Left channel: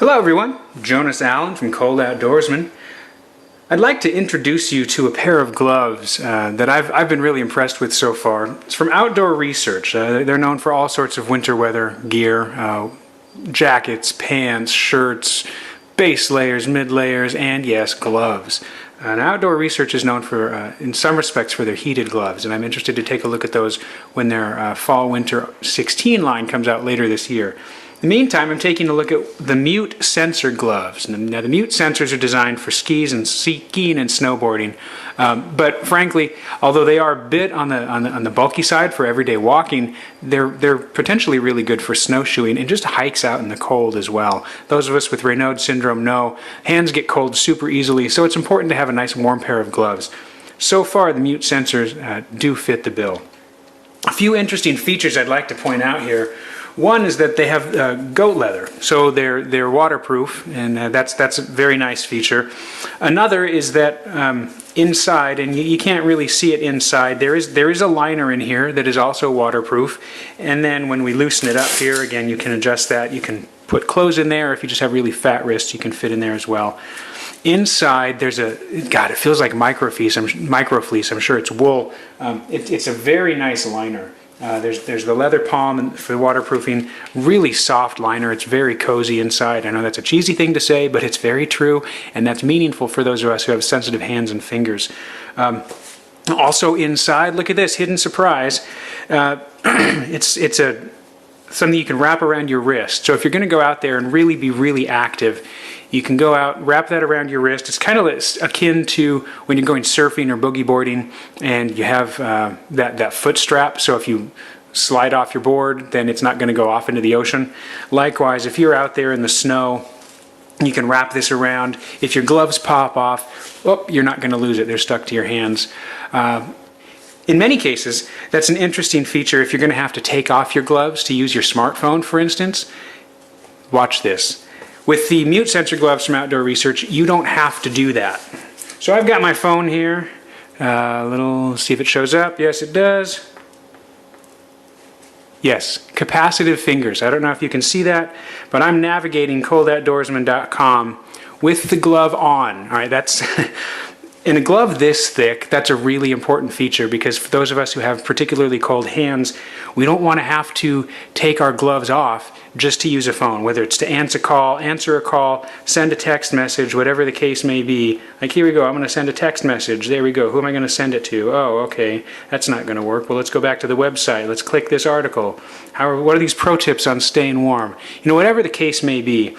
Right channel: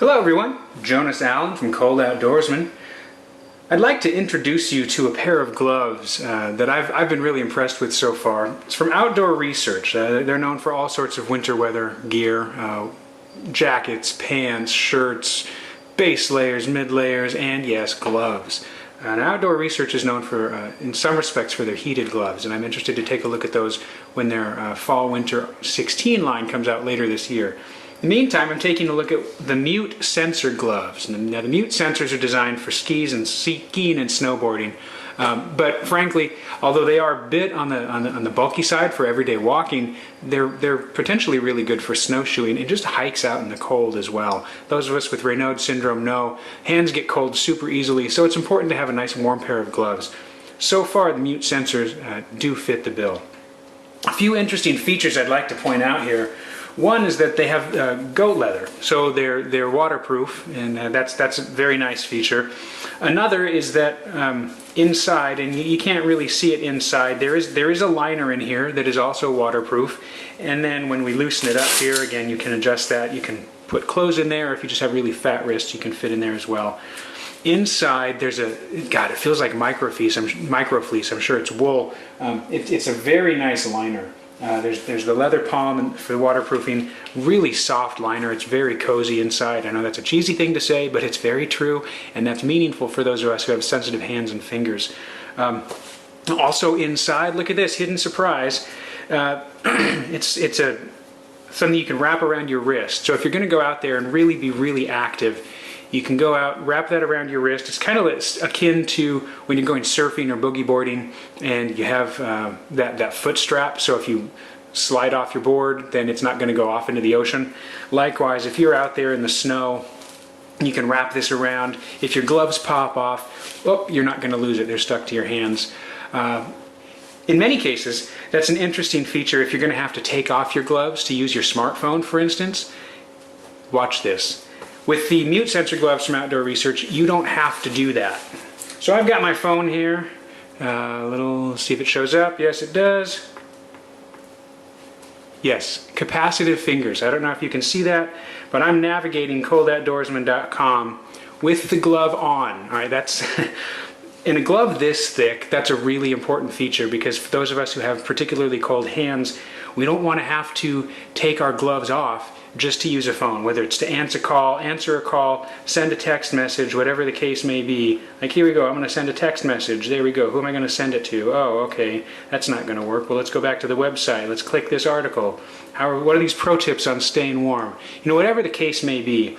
Hello everyone, Jonas Allen from Cold Outdoorsman. I'd like to introduce you to a pair of gloves that I've been really impressed with so far. It's from Outdoor Research. They're known for all sorts of winter weather gear, jackets, pants, shirts, base layers, mid layers, and yes, gloves. And Outdoor Research is known for, in some respects, for their heated gloves, and I'm interested to take a look at those when their Fall/Winter 16 line comes out later this year. In the meantime, I'm taking a look at the Mute Sensor gloves. Now, the Mute sensors are designed for skiing and snowboarding, but frankly, although they are a bit on the bulky side for everyday walking, they're potentially really good for snowshoeing and just hikes out in the cold as well. Those of us with Raynaud syndrome know hands get cold super easily, so it's important to have a nice warm pair of gloves. So far, the Mute sensors do fit the bill. A few interesting features I'd like to point out here. One is that they have goat leather, so they're waterproof, and that's a very nice feature. Another is that inside, and you can't really see it inside, there is a liner in here that is also waterproof. And then when we loosen it up here, again, you can adjust that. You can put clothes in there. If you just have really fat wrists, you can fit in there as well. Inside, there's it feels like microfleece. I'm sure it's wool. It's a very nice liner. There's the leather palm for waterproofing, really soft liner. It's very cozy inside. I know that's a cheesy thing to say, but it's very true, and that's meaningful for those of us who have sensitive hands and fingers. Also inside, look at this, hidden surprise. It's something you can wrap around your wrist. So if you're going to go out there and really be really active, you can go out, wrap that around your wrist. It's kind of akin to when you're going surfing or boogie boarding and you have that foot strap, so if you slide off your board, then it's not going to go off into the ocean. Likewise, if you're out there in the snow, you can wrap this around. If your gloves pop off, you're not going to lose it. They're stuck to your hands. In many cases, that's an interesting feature if you're going to have to take off your gloves to use your smartphone, for instance. Watch this. With the Mute sensor gloves from Outdoor Research, you don't have to do that. So I've got my phone here. See if it shows up. Yes, it does. Yes, capacitive fingers. I don't know if you can see that, but I'm navigating coldoutdoorsman.com with the glove on. All right, that's in a glove this thick, that's a really important feature because for those of us who have particularly cold hands, we don't want to have to take our gloves off just to use a phone, whether it's to answer a call, send a text message, whatever the case may be. Like, here we go, I'm going to send a text message. There we go. Who am I going to send it to? Oh, okay, that's not going to work. Well, let's go back to the website. Let's click this article. What are these pro tips on staying warm? You know, whatever the case may be,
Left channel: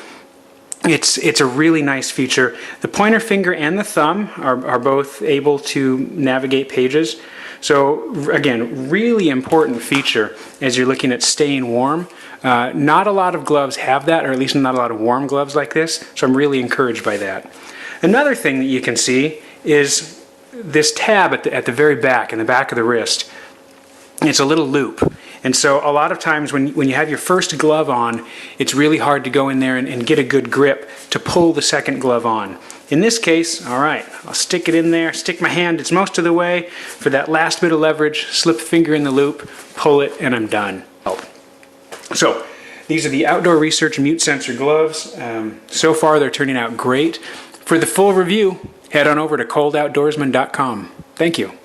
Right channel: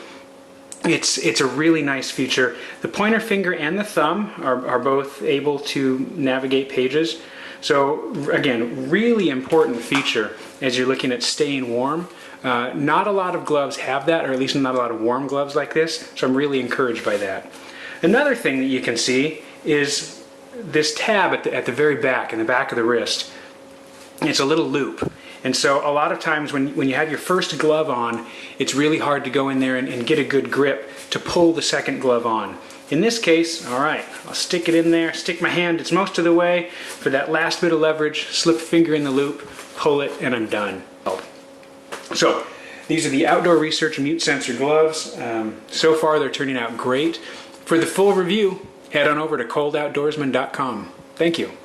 it's a really nice feature. The pointer finger and the thumb are both able to navigate pages. So, again, really important feature as you're looking at staying warm. Not a lot of gloves have that, or at least not a lot of warm gloves like this, so I'm really encouraged by that. Another thing that you can see is this tab at the very back, in the back of the wrist. It's a little loop. And so a lot of times when you have your first glove on, it's really hard to go in there and get a good grip to pull the second glove on. In this case, all right, I'll stick it in there, stick my hand, it's most of the way. For that last bit of leverage, slip a finger in the loop, pull it, and I'm done. So, these are the Outdoor Research Mute Sensor gloves. So far, they're turning out great. For the full review, head on over to coldoutdoorsman.com. Thank you.